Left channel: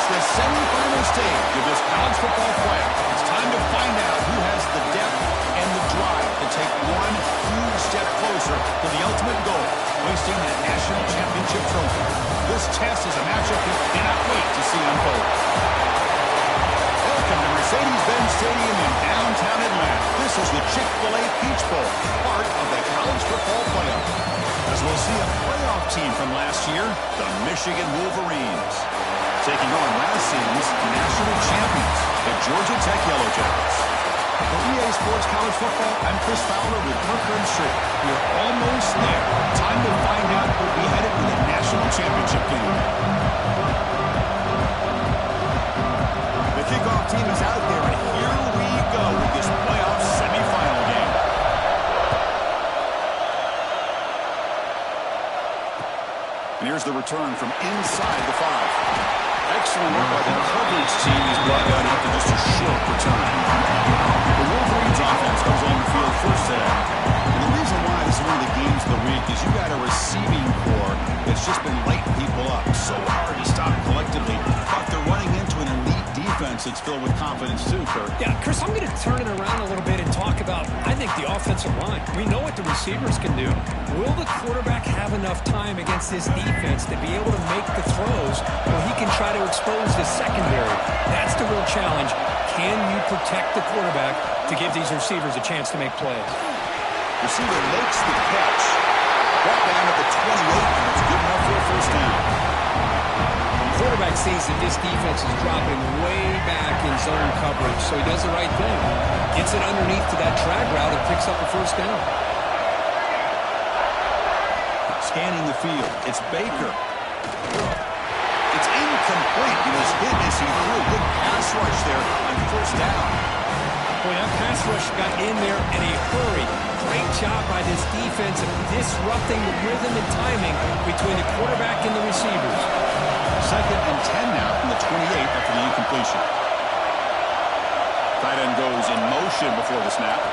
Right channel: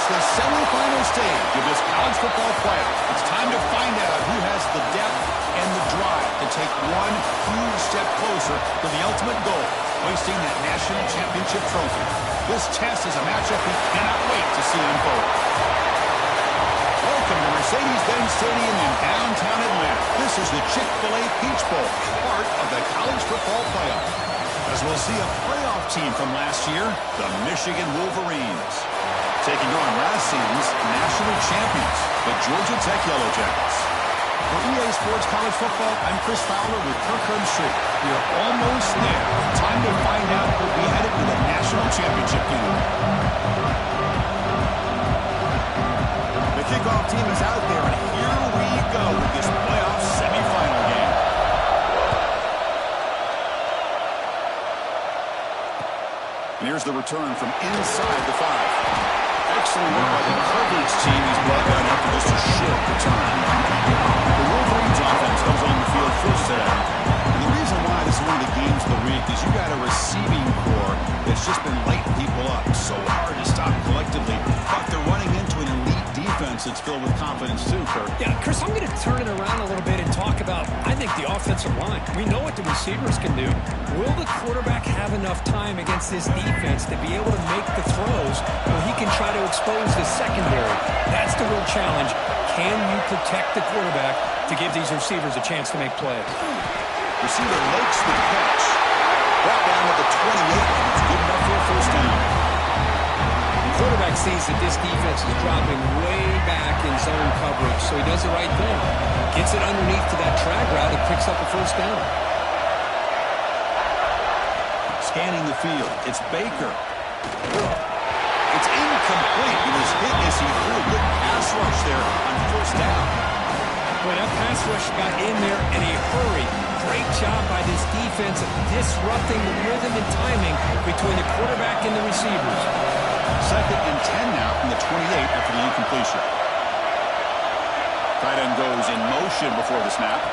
reached the semifinal stage of this college football playoff. It's time to find out who has the depth and the drive to take one huge step closer to the ultimate goal, hoisting that national championship trophy. This test is a matchup we cannot wait to see unfold. Welcome to Mercedes-Benz Stadium in downtown Atlanta. This is the Chick-fil-A Peach Bowl, part of the college football playoff. As we'll see a playoff team from last year, the Michigan Wolverines, taking on last season's national champions, the Georgia Tech Yellow Jackets. For EA Sports College Football, I'm Chris Fowler with Kirkland Street. We are almost there. Time to find out who'll be headed to the national championship game. The kickoff team is out there, and here we go with this playoff semifinal game. And here's the return from inside the 5. Excellent work by the coverage team. He's brought that after just a short return. The Wolverines offense comes on the field first today. And the reason why this is one of the games of the week is you got a receiving core that's just been lighting people up. So hard to stop collectively. But they're running into an elite defense that's filled with confidence too, Kirk. Yeah, Chris, I'm going to turn it around a little bit and talk about, I think, the offensive line. We know what the receivers can do. Will the quarterback have enough time against this defense to be able to make the throws where he can try to expose the secondary? That's the real challenge. Can you protect the quarterback to give these receivers a chance to make plays? Receiver makes the catch. Brought down at the 28, and it's good enough for a first down. Quarterback sees that this defense is dropping way back in zone coverage, so he does the right thing. Gets it underneath to that drag route and picks up a first down. Scanning the field, it's Baker. It's incomplete. He was hit as he threw a good pass rush there on first down. Boy, that pass rush got in there in a hurry. Great job by this defense of disrupting the rhythm and timing between the quarterback and the receivers. 2nd and 10 now from the 28 after the incompletion. Tight end goes in motion before the snap.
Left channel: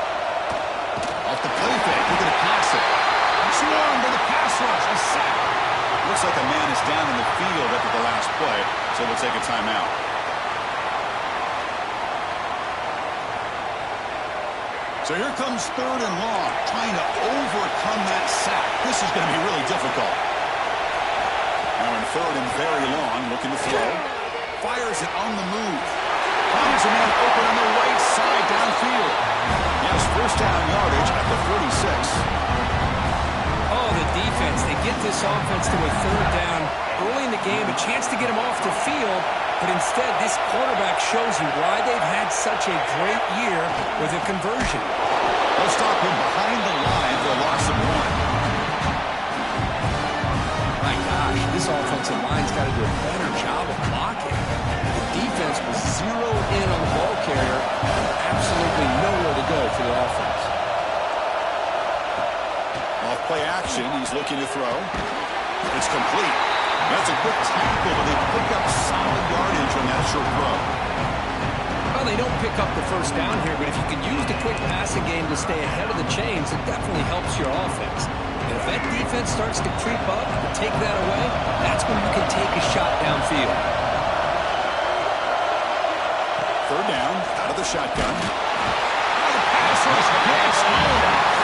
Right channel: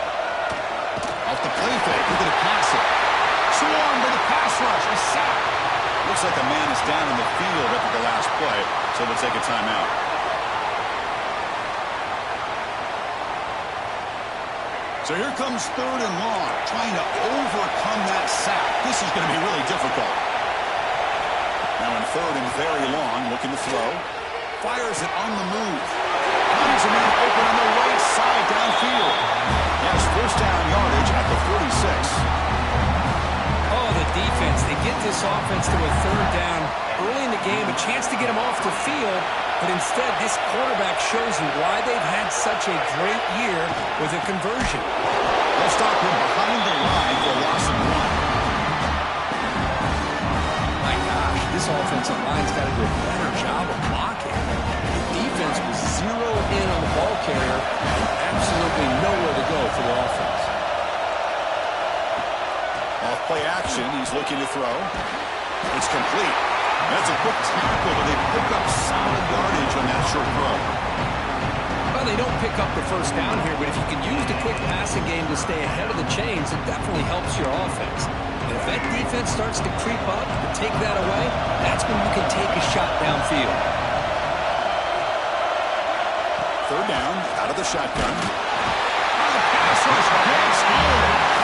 Off the play fake, look at it pass it. Swarmed by the pass rush, a sack. Looks like a man is down in the field after the last play, so we'll take a timeout. So here comes 3rd and long, trying to overcome that sack. This is going to be really difficult. Now in 3rd and very long, looking to throw. Fires it on the move. Finds a man open on the right side downfield. He has first down yardage at the 46. Oh, the defense. They get this offense to a 3rd down early in the game, a chance to get him off the field. But instead, this quarterback shows you why they've had such a great year with a conversion. They'll stop him behind the line for a loss of 1. My gosh, this offensive line's got to do a better job of blocking. The defense was zeroed in on the ball carrier and absolutely nowhere to go for the offense. Off play action, he's looking to throw. It's complete. That's a quick tackle, but they pick up solid yardage on that short throw. Well, they don't pick up the first down here, but if you can use the quick passing game to stay ahead of the chains, it definitely helps your offense. And if that defense starts to creep up and take that away, that's when you can take a shot downfield. 3rd down, out of the shotgun. Oh, the pass rush gets home.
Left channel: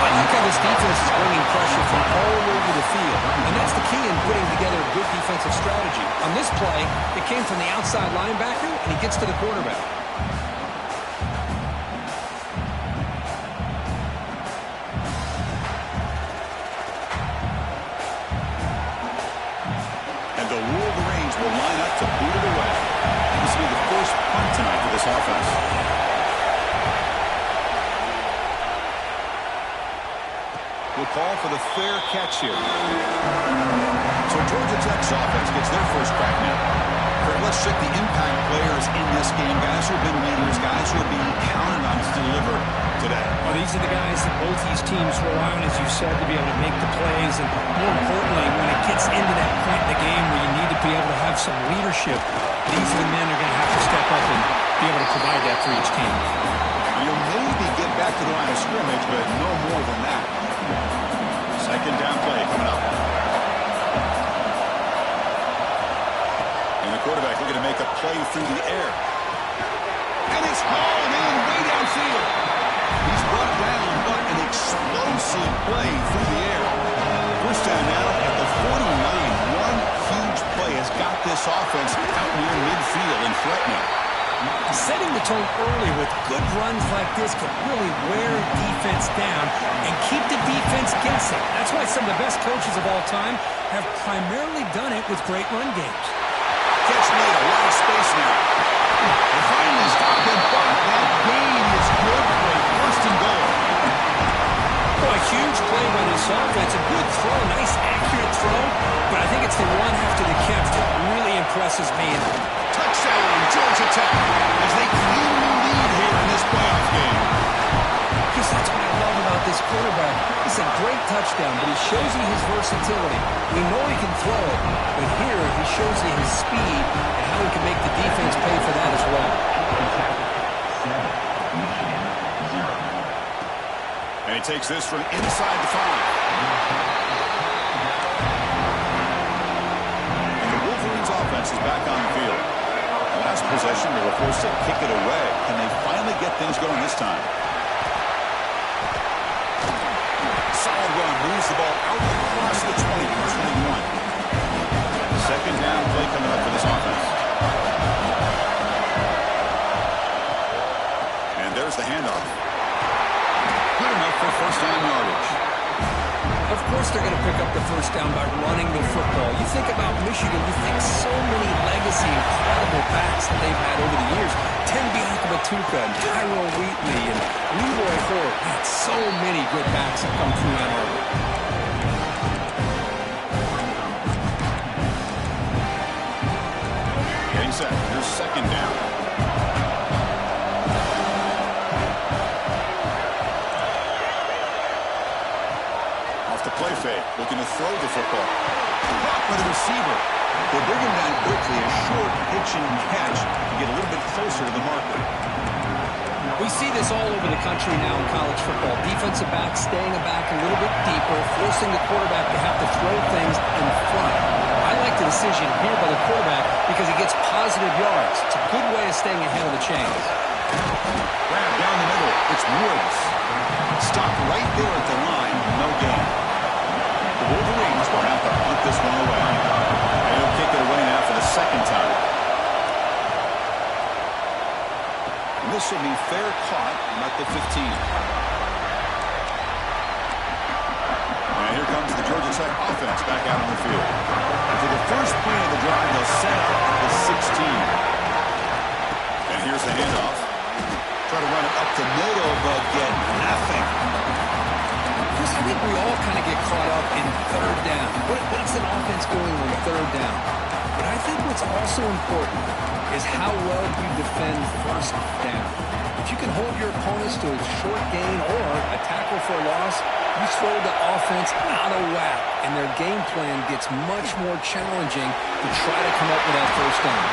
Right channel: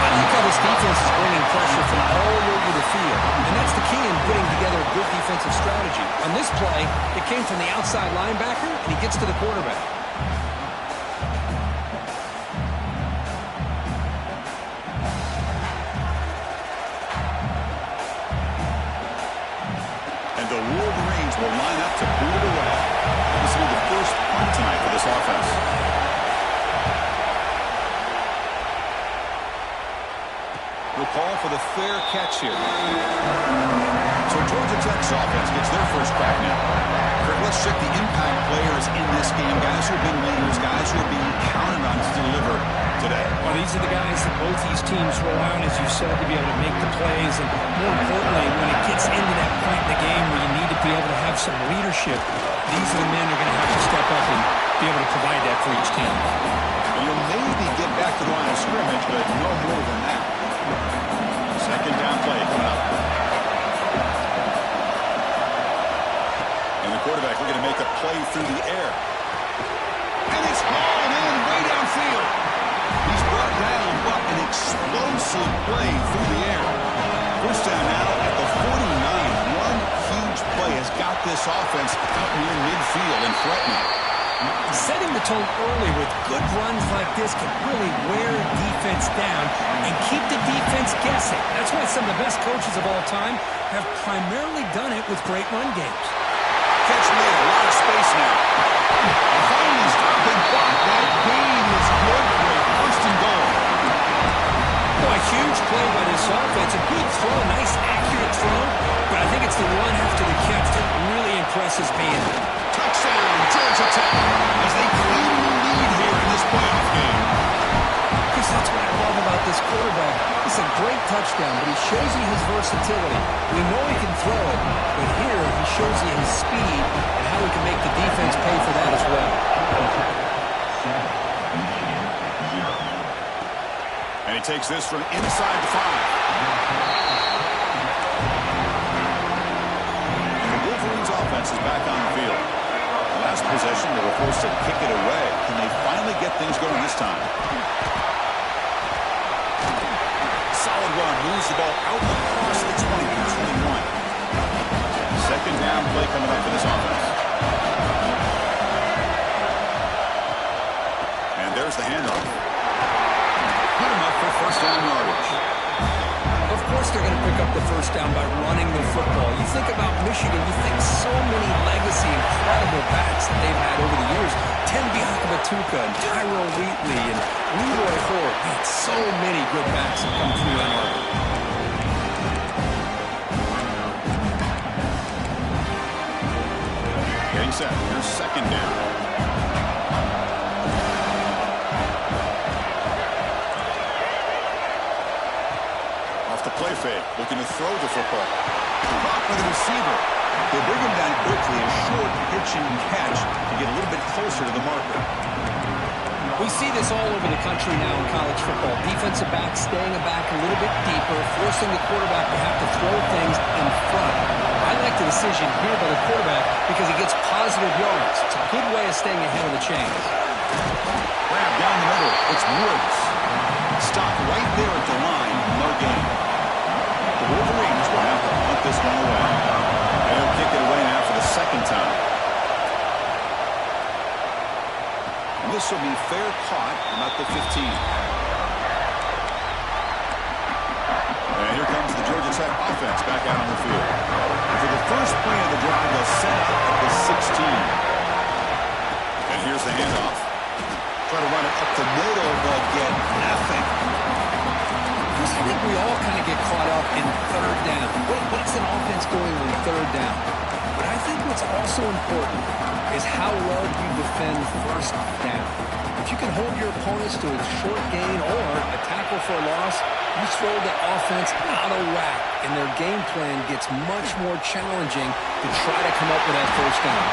I like how this defense is bringing pressure from all over the field. And that's the key in putting together a good defensive strategy. On this play, it came from the outside linebacker, and he gets to the quarterback. And the Wolverines will line up to boot it away. This will be the first punt tonight for this offense. We'll call for the fair catch here. So Georgia Tech's offense gets their first crack now. Kurt, let's check the impact players in this game. Guys who have been leaders, guys who are being counted on to deliver today. Well, these are the guys that both these teams rely on, as you said, to be able to make the plays. And more importantly, when it gets into that point in the game where you need to be able to have some leadership, these are the men who are going to have to step up and be able to provide that for each team. You'll maybe get back to the line of scrimmage, but no more than that. 2nd down play coming up. And And the quarterback looking to make a play through the air. And it's hauled in way downfield. He's brought down, but an explosive play through the air. First down now at the 49. One huge play has got this offense out near midfield and threatening. Setting the tone early with good runs like this can really wear a defense down and keep the defense guessing. That's why some of the best coaches of all time have primarily done it with great run games. Catch made, a lot of space now. And finally stop and block. That gain is good for a first and goal. Boy, a huge play by this offense. A good throw, nice accurate throw. But I think it's the run after the catch that really impresses me. Touchdown, Georgia Tech, as they claim the lead here in this playoff game. Chris, that's what I love about this quarterback. It's a great touchdown, but he shows you his versatility. We know he can throw it, but here he shows you his speed and how he can make the defense pay for that as well. 7, Michigan, 0. And he takes this from inside the 5. And the Wolverines offense is back on the field. Last possession, they were forced to kick it away. Can they finally get things going this time? Solid run, moves the ball out across the 20 to 21. Second down play coming up for this offense. And there's the handoff. Good enough for first down yardage. Of course they're going to pick up the first down by running the football. You think about Michigan, you think so many legacy, incredible backs that they've had over the years. Tim Biakabatuka and Tyrone Wheatley and Leroy Hort. Man, so many good backs have come through Ann Arbor. Getting set. Here's second down. Off the play fake, looking to throw the football. Caught by the receiver. They bring him down quickly, a short pitch and catch to get a little bit closer to the marker. We see this all over the country now in college football. Defensive backs staying back a little bit deeper, forcing the quarterback to have to throw things in front. I like the decision here by the quarterback because he gets positive yards. It's a good way of staying ahead of the chains. Grab down the middle. It's Woods. Stopped right there at the line. No gain. The Wolverines will have to punt this one away. And he'll kick it away now for the second time. And this will be fair caught about the 15. And here comes the Georgia Tech offense back out on the field. And for the first play of the drive, they'll set up at the 16. And here's the handoff. Try to run it up the middle, but get nothing. Chris, I think we all kind of get caught up in third down. What's an offense doing on third down? But I think what's also important is how well you defend first down. If you can hold your opponents to a short gain or a tackle for a loss, you throw the offense out of whack, and their game plan gets much more challenging to try to come up with that first down.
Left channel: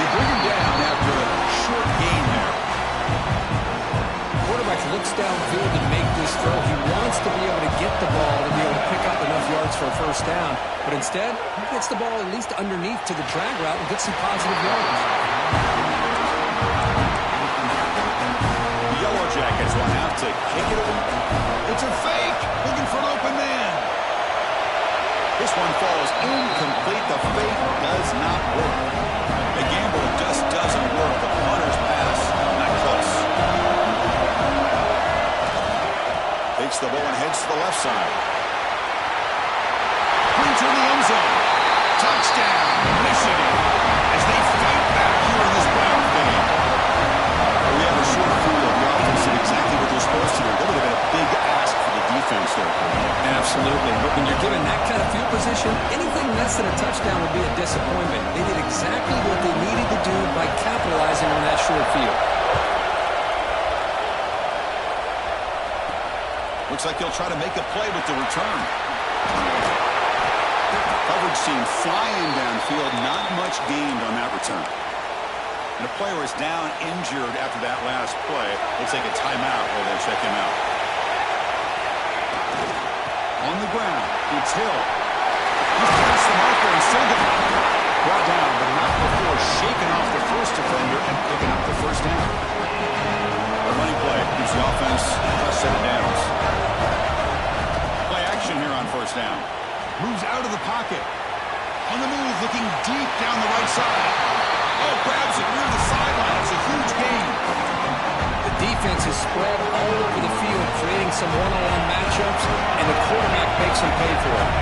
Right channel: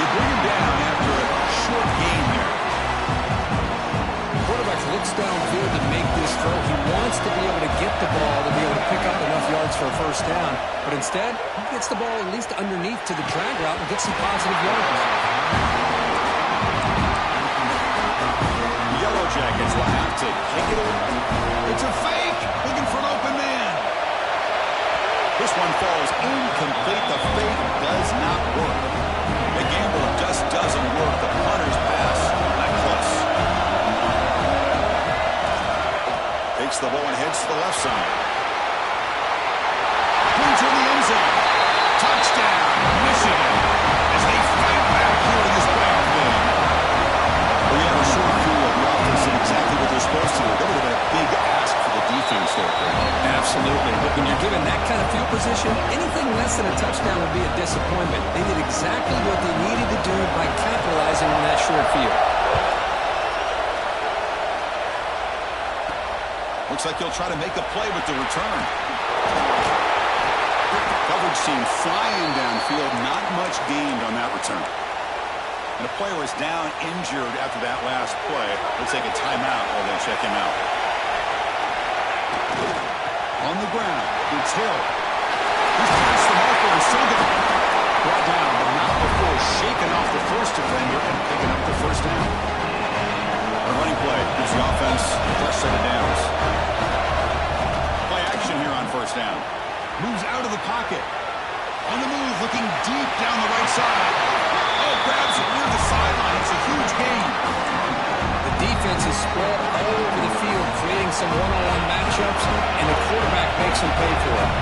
They bring him down after a short gain there. Quarterback looks downfield to make this throw. He wants to be able to get the ball to be able to pick up enough yards for a first down. But instead, he gets the ball at least underneath to the drag route and gets some positive yards. The Yellow Jackets will have to kick it away. It's a fake. Looking for an open man. This one falls incomplete. The fake does not work. The gamble just doesn't work. The punter's pass, not close. Takes the ball and heads to the left side. Brings her in the end zone. Touchdown, Michigan, as they fight back here in this playoff game. We have a short field. The offense did exactly what they're supposed to do. That would have been a big ask for the defense there, Coach. Absolutely. But when you're given that kind of field position, anything less than a touchdown would be a disappointment. They did exactly what they needed to do by capitalizing on that short field. Looks like he'll try to make a play with the return. Coverage team flying downfield. Not much gained on that return. And a player is down injured after that last play. We'll take a timeout while they check him out. On the ground, it's Hill. He's past the marker and still going. Brought down, but not shaking off the first defender and picking up the first down. A running play gives the offense a fresh set of downs. Play action here on first down. Moves out of the pocket. On the move, looking deep down the right side. Oh, grabs it near the sideline. It's a huge gain. The defense is spread all over the field, creating some one-on-one matchups, and the quarterback makes them pay for it.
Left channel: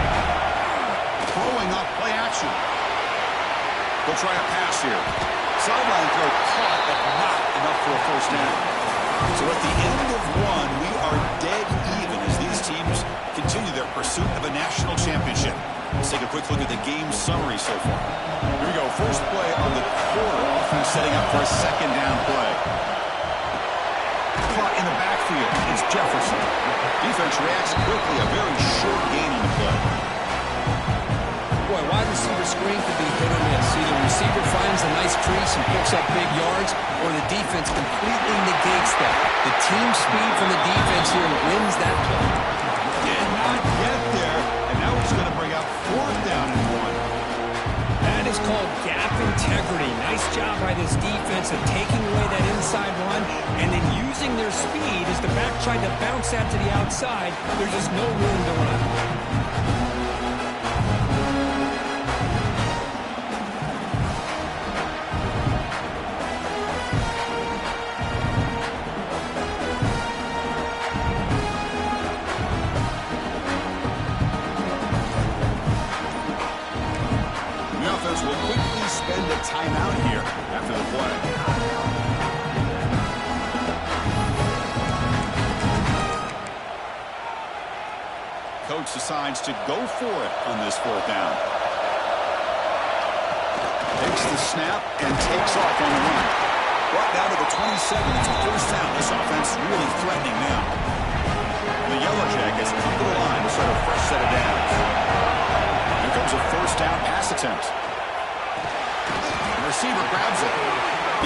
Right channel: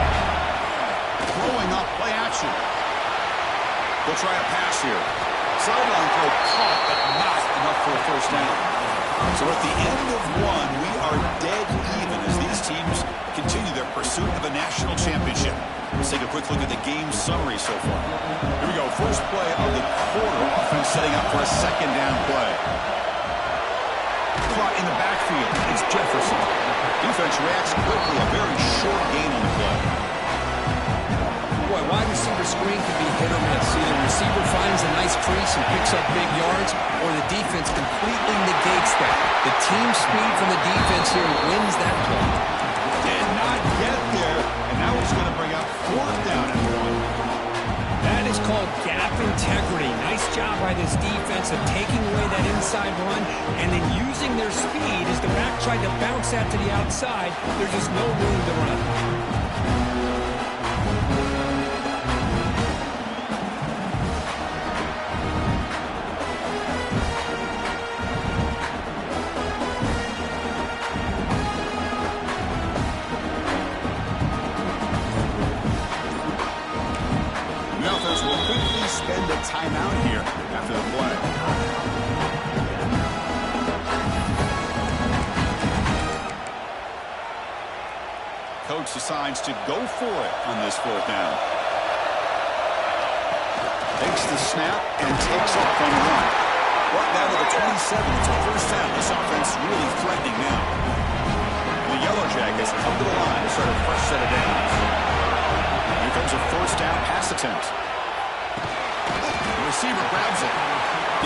Throwing up play action. They'll try a pass here. Sideline throw caught, but not enough for a first down. So at the end of one, we are dead even as these teams continue their pursuit of a national championship. Let's take a quick look at the game summary so far. Here we go. First play of the quarter. Offense setting up for a second down play. Caught in the backfield is Jefferson. Defense reacts quickly. A very short gain on the play. Boy, wide receiver screen can be hit or miss. Either the receiver finds a nice crease and picks up big yards, or the defense completely negates that. The team speed from the defense here wins that play. Did not get there, and now it's going to bring up fourth down and one. That is called gap integrity. Nice job by this defense of taking away that inside run and then using their speed as the back tried to bounce that to the outside. There's just no room to run. Will quickly spend a timeout here after the play. Coach decides to go for it on this fourth down. Takes the snap and takes off on the run. Brought down to the 27. It's a first down. This offense really threatening now. And the Yellow Jackets come to the line to start a fresh set of downs. Here comes a first down pass attempt. Receiver grabs it.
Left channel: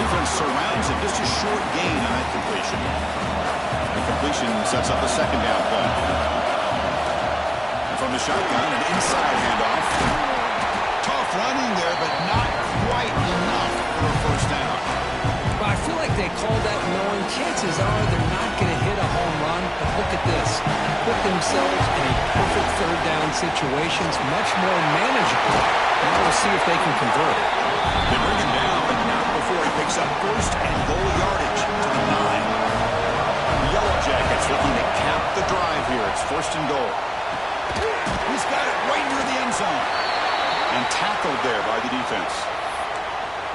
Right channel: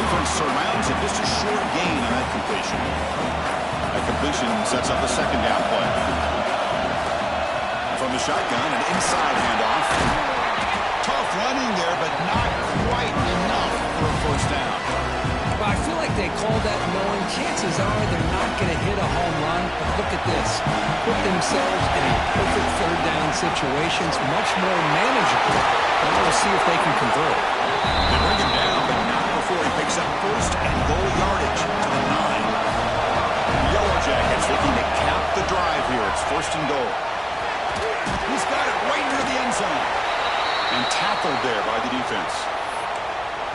Defense surrounds it. Just a short gain on that completion. That completion sets up a second down play. From the shotgun, an inside handoff. Tough running there, but not quite enough for a first down. Well, I feel like they called that knowing chances are they're not going to hit a home run. But look at this. Put themselves in a perfect third down situation. It's much more manageable. Now we'll see if they can convert it. They bring him down, but not before he picks up first and goal yardage to the 9. The Yellow Jackets looking to cap the drive here. It's first and goal. He's got it right near the end zone. And tackled there by the defense.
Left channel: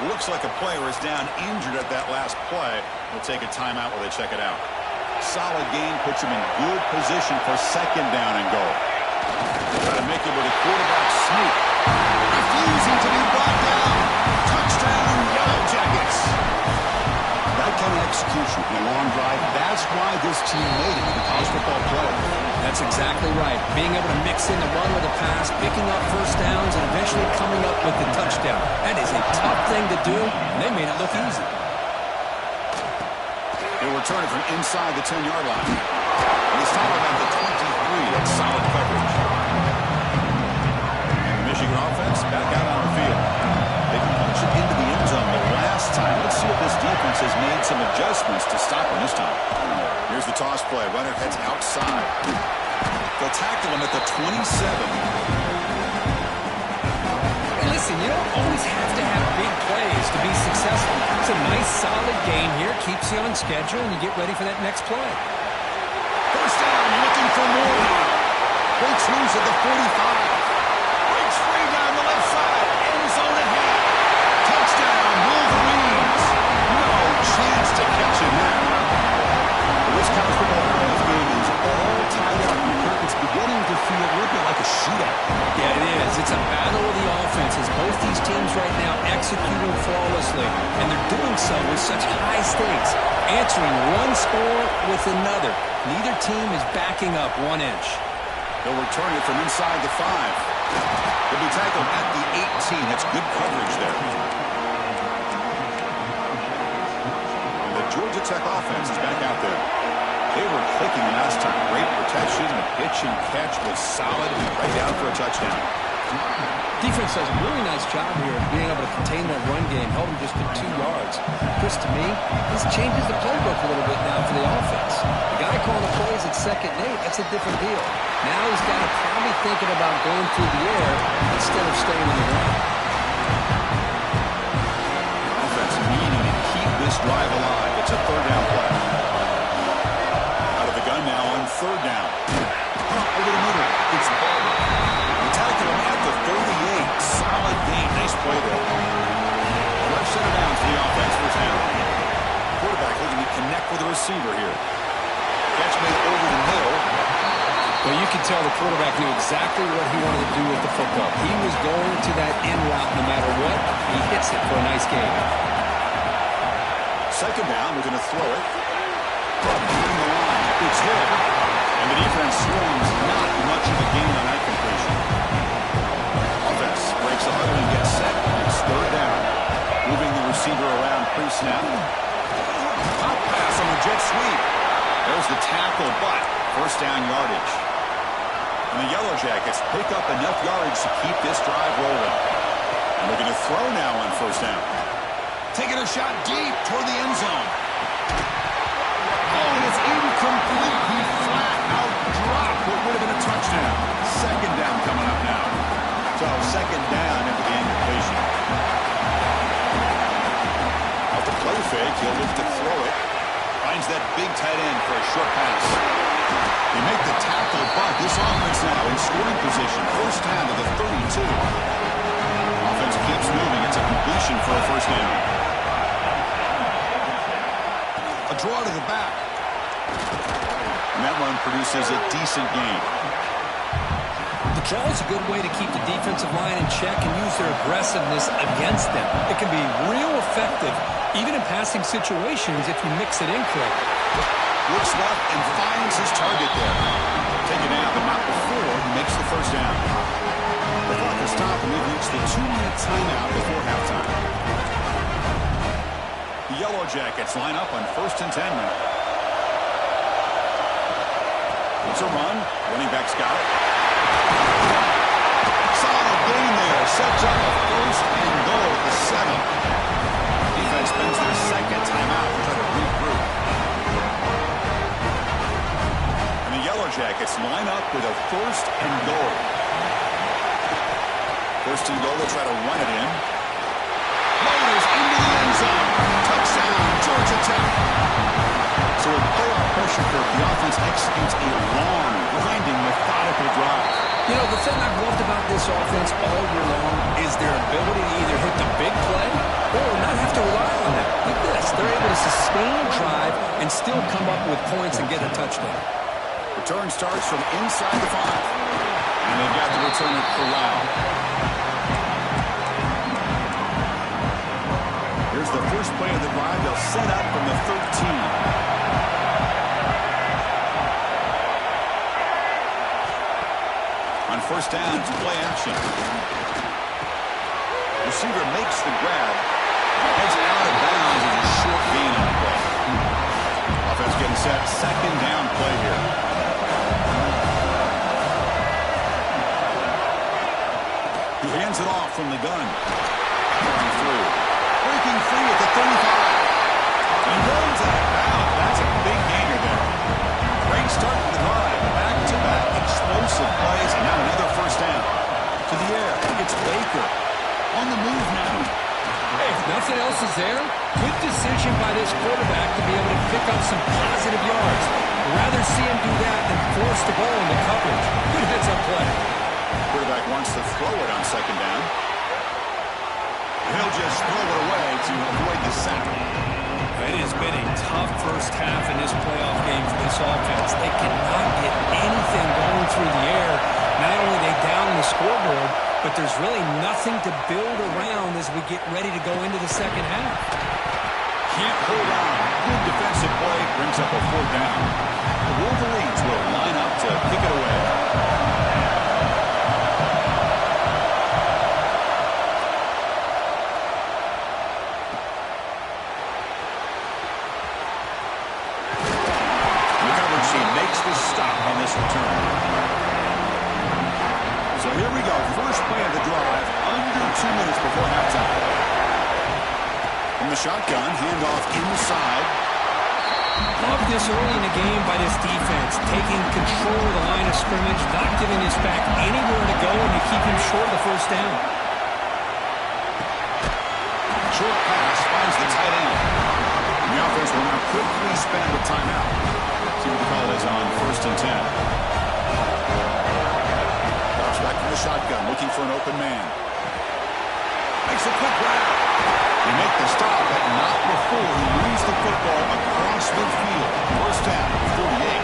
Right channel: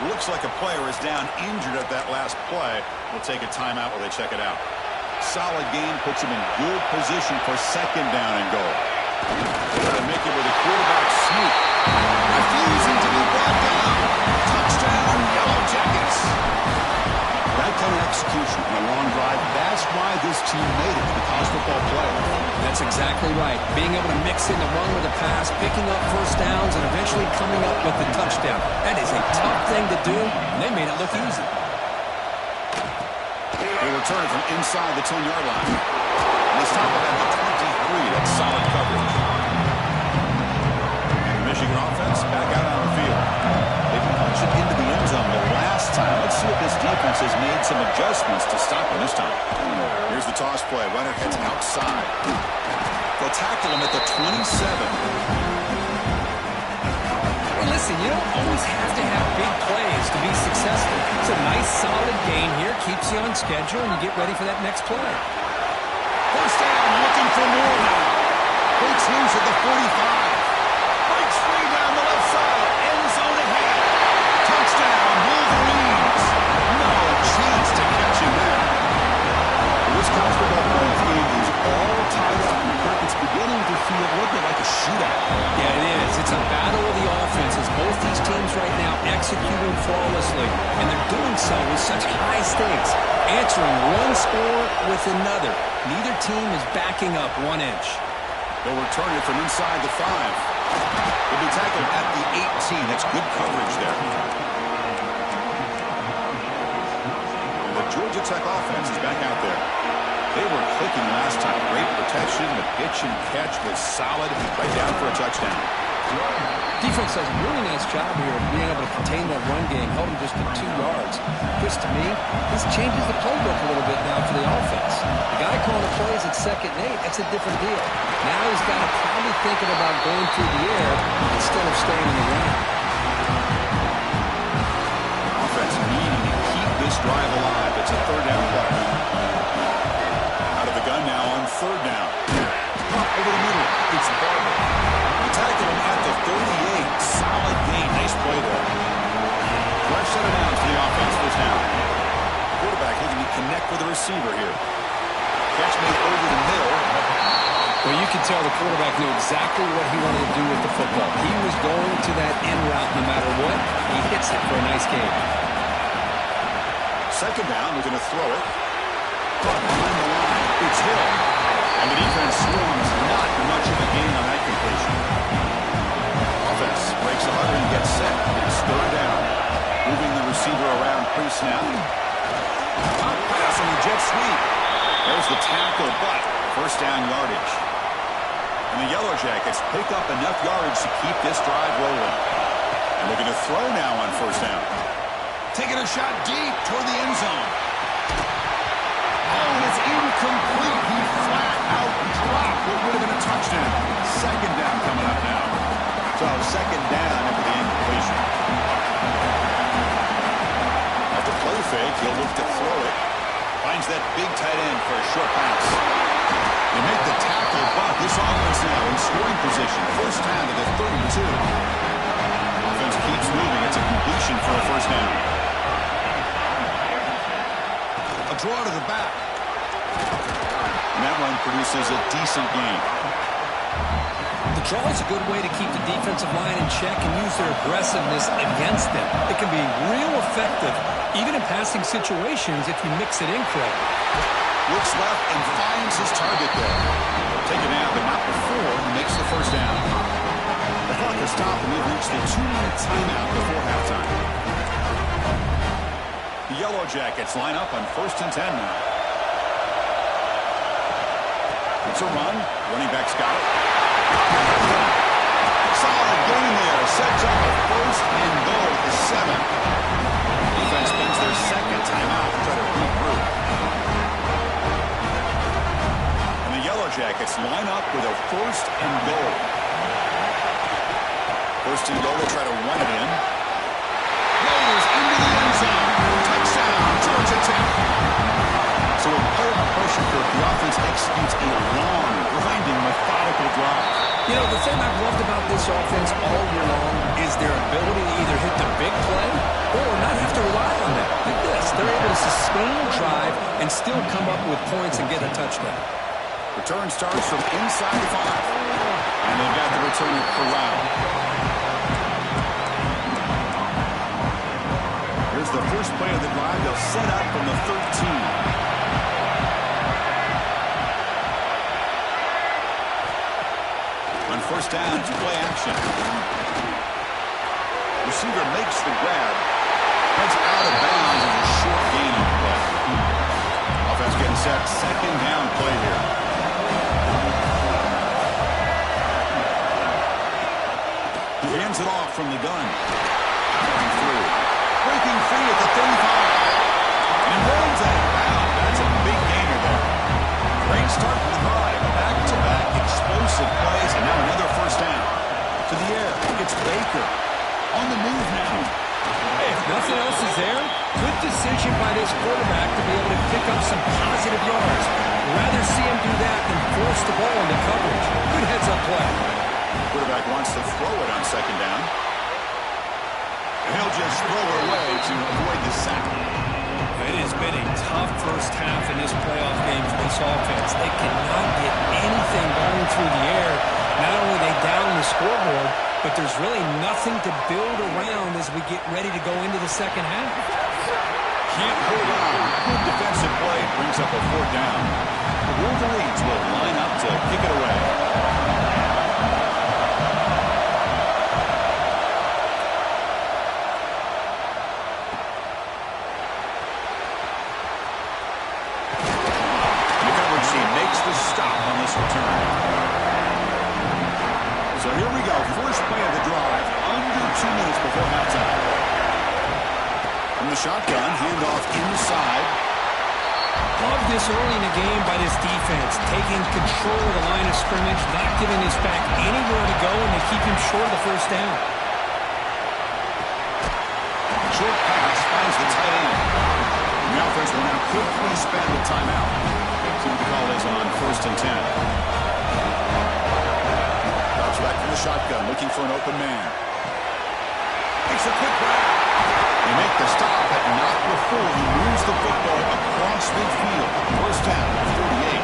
Looks like a player is down injured at that last play. We'll take a timeout while they check it out. Solid gain puts him in good position for second down and goal. Got to make it with a quarterback sneak. Refusing to be brought down. Touchdown, Yellow Jackets. That kind of execution in a long drive, that's why this team made it to the college football playoff. That's exactly right. Being able to mix in the run with the pass, picking up first downs, and eventually coming up with the touchdown. That is a tough thing to do, and they made it look easy. They return it from inside the 10-yard line. And they stop it at the 23. That's solid coverage. And the Michigan offense back out on the field. They punched it into the end zone the last time. Let's see if this defense has made some adjustments to stop him this time. Here's the toss play. Runner heads outside. They'll tackle him at the 27. Hey, listen, you don't always have to have big plays to be successful. It's a nice, solid gain here. Keeps you on schedule, and you get ready for that next play. First down, looking for more now. Breaks loose at the 45. Breaks free down the left side. End zone ahead. Touchdown, Wolverines. No chance to catch him there. This college football playoff game is all tied up. It's beginning to feel a little bit like a shootout. Yeah, it is. It's a battle of the offenses. Both these teams right now executing flawlessly, and they're doing so with such high stakes, answering one score with another. Neither team is backing up 1 inch. They'll return it from inside the 5. They'll be tackled at the 18. That's good coverage there. And the Georgia Tech offense is back out there. They were clicking last time. Great protection. The pitch and catch was solid. Right down for a touchdown. Defense does a really nice job here of being able to contain that run game. Held him just to 2 yards. Chris, to me, this changes the playbook a little bit now for the offense. The guy calling the plays at 2nd and 8, that's a different deal. Now he's got to probably thinking about going through the air instead of staying on the ground. Offense needing to keep this drive alive. It's a 3rd down play. Out of the gun now on 3rd down. Over the middle. It's Barber. Tackle him at the 38. Solid gain. Nice play there. Fresh set of downs for the offense. 1st down. Quarterback looking to connect with the receiver here. Catch made over the middle. Well, you could tell the quarterback knew exactly what he wanted to do with the football. He was going to that in route no matter what. He hits it for a nice gain. 2nd down. We're going to throw it. Behind the line. It's Hill. And the defense swarms. Not much of a gain on that completion. Offense breaks a huddle and gets set. It's 3rd down. Moving the receiver around pre-snap. Out pass on the jet sweep. There's the tackle, but 1st down yardage. And the Yellow Jackets pick up enough yardage to keep this drive rolling. And looking to throw now on 1st down. Taking a shot deep toward the end zone. Oh, and it's incomplete. He flat out dropped what would have been a touchdown. 2nd down coming up now. So 2nd down after the incompletion. Off the play fake, he'll look to throw it. Finds that big tight end for a short pass. They make the tackle, but this offense now in scoring position. 1st down to the 32. Offense keeps moving. It's a completion for a 1st down. A draw to the back. And that one produces a decent gain. The draw is a good way to keep the defensive line in check and use their aggressiveness against them. It can be real effective, even in passing situations, if you mix it in correctly. Looks left and finds his target there. Taken out, but not before he makes the 1st down. The clock has stopped, and we've reached the 2-minute timeout before halftime. The Yellow Jackets line up on 1st and 10 now. It's a run. Running back's got it. Solid gain there. Sets up a 1st and goal at the 7. Defense spends their 2nd timeout to try to regroup. And the Yellow Jackets line up with a 1st and goal. 1st and goal, they'll try to run it in. Loaders into the end zone. Touchdown, Georgia Tech. So with playoff pressure curve, the offense executes a long, grinding, methodical drive. You know, the thing I've loved about this offense all year long is their ability to either hit the big play or not have to rely on that. Like this, they're able to sustain a drive and still come up with points and get a touchdown. Return starts from inside the 5. And they've got the returner corralled. Here's the first play of the drive. They'll set up from the 13. On 1st down, it's play action. Receiver makes the grab. Heads out of bounds as a short gain on the play. Offense getting set. 2nd down play here. He hands it off from the gun. Powering through. Breaking free at the 35. And he rolls out of bounds. That's a big gainer there. Great start to the drive. Back-to-back explosive plays, and now another 1st down. To the air. It's Baker. On the move now. Hey, if nothing else is there, good decision by this quarterback to be able to pick up some positive yards. Rather see him do that than force the ball into coverage. Good heads-up play. Quarterback wants to throw it on 2nd down. And he'll just throw it away to avoid the sack. It has been a tough 1st half in this playoff game for this offense. They cannot get anything going through the air. Not only are they down the scoreboard, but there's really nothing to build around as we get ready to go into the 2nd half. Can't hold on. Good defensive play brings up a 4th down. The Wolverines will line up to kick it away. Makes the stop on this return. So here we go. First play of the drive, under 2 minutes before halftime. From the shotgun, handoff inside. Love this early in the game by this defense, taking control of the line of scrimmage, not giving his back anywhere to go, and to keep him short of the first down. Short pass finds the tight end. The offense will now quickly spend a timeout. See what the call is on 1st and 10. Drops back from the shotgun, looking for an open man. Makes a quick grab. They make the stop, but not before he moves the football across midfield. First down at the 48.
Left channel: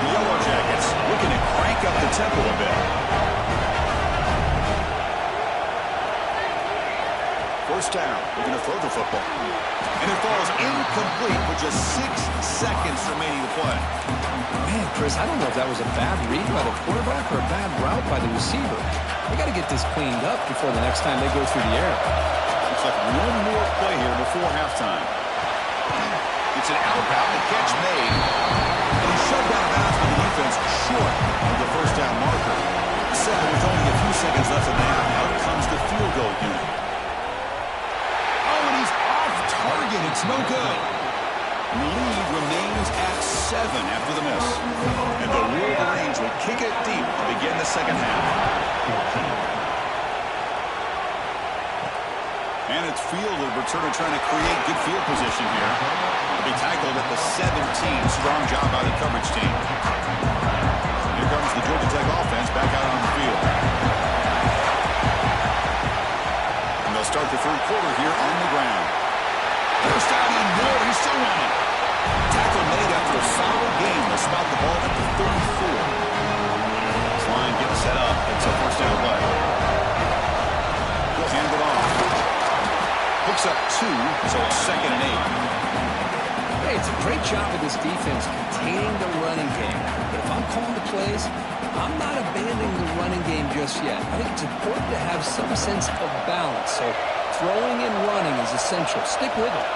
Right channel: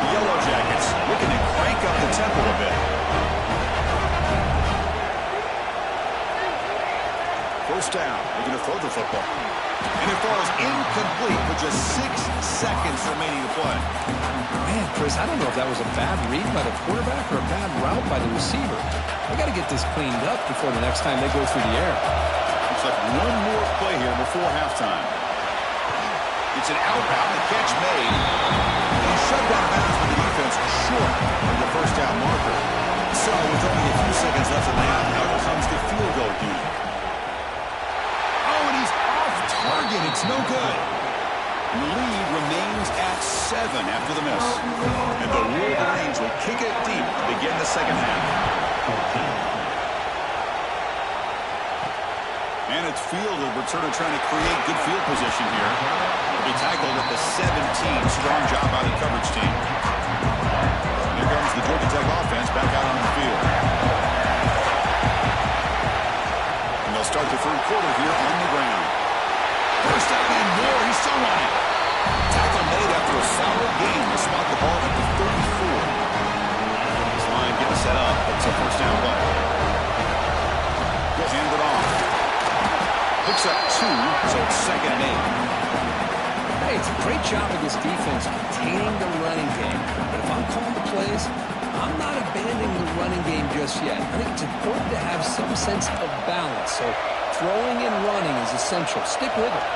The Yellow Jackets looking to crank up the tempo a bit. First down, looking to throw the football. And it falls incomplete with just 6 seconds remaining to play. Man, Chris, I don't know if that was a bad read by the quarterback or a bad route by the receiver. They got to get this cleaned up before the next time they go through the air. Looks like one more play here before halftime. It's an out route, the catch made. And he's shoved out of bounds by the defense short of the first down marker. So with only a few seconds left in the half, out comes the field goal unit. Oh, and he's off target. It's no good. And the lead remains at 7 after the miss. And the Wolverines will kick it deep to begin the second half. And it's fielded. Returner trying to create good field position here. He'll be tackled at the 17. Strong job by the coverage team. Here comes the Georgia Tech offense back out on the field. And they'll start the third quarter here on the ground. First down and more. He's still running. Tackle made after a solid game to spot the ball at the 34. This line getting set up. It's a first down play. He'll hand it off. Picks up 2, so it's 2nd and 8. Hey, it's a great job of this defense containing the running game. But if I'm calling the plays, I'm not abandoning the running game just yet. I think it's important to have some sense of balance. So throwing and running is essential. Stick with it.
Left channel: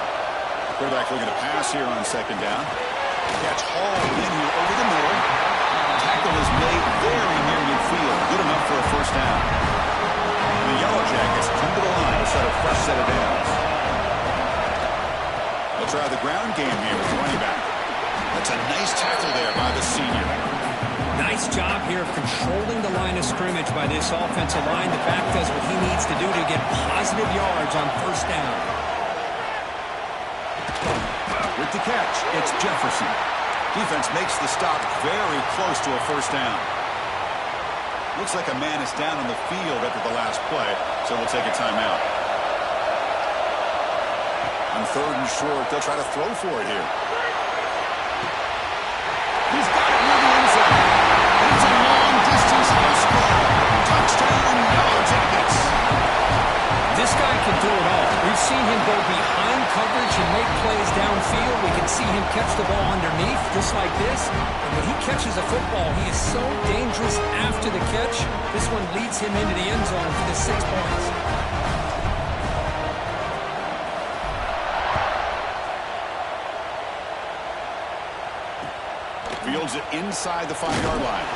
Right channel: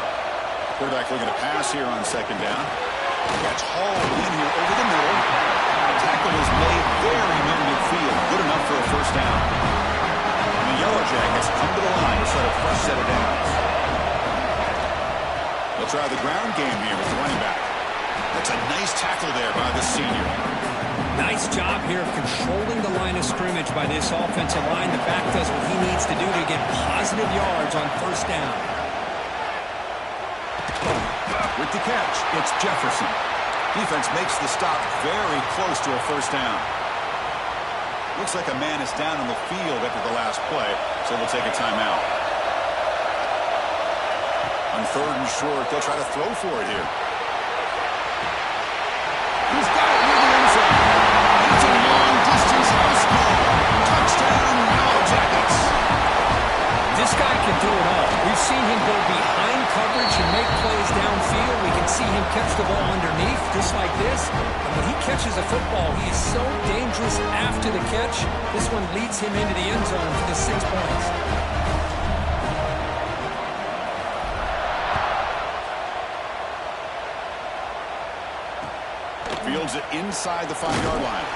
Quarterback looking to pass here on 2nd down. Catch hauled in here over the middle. Tackle is made very near midfield. Good enough for a first down. And the Yellow Jackets come to the line to set a fresh set of downs. They'll try the ground game here with the running back. That's a nice tackle there by the senior. Nice job here of controlling the line of scrimmage by this offensive line. The back does what he needs to do to get positive yards on first down. With the catch, it's Jefferson. Defense makes the stop very close to a first down. Looks like a man is down on the field after the last play, so they'll take a timeout. On 3rd and short, they'll try to throw for it here. He's got it near the end zone. And it's a long-distance house ball. Touchdown, Yellow Jackets. This guy can do it all. We've seen him go behind coverage and make plays downfield. We can see him catch the ball underneath, just like this. And when he catches a football, he is so dangerous after the catch. This one leads him into the end zone for the 6 points. Fields it inside the 5-yard line.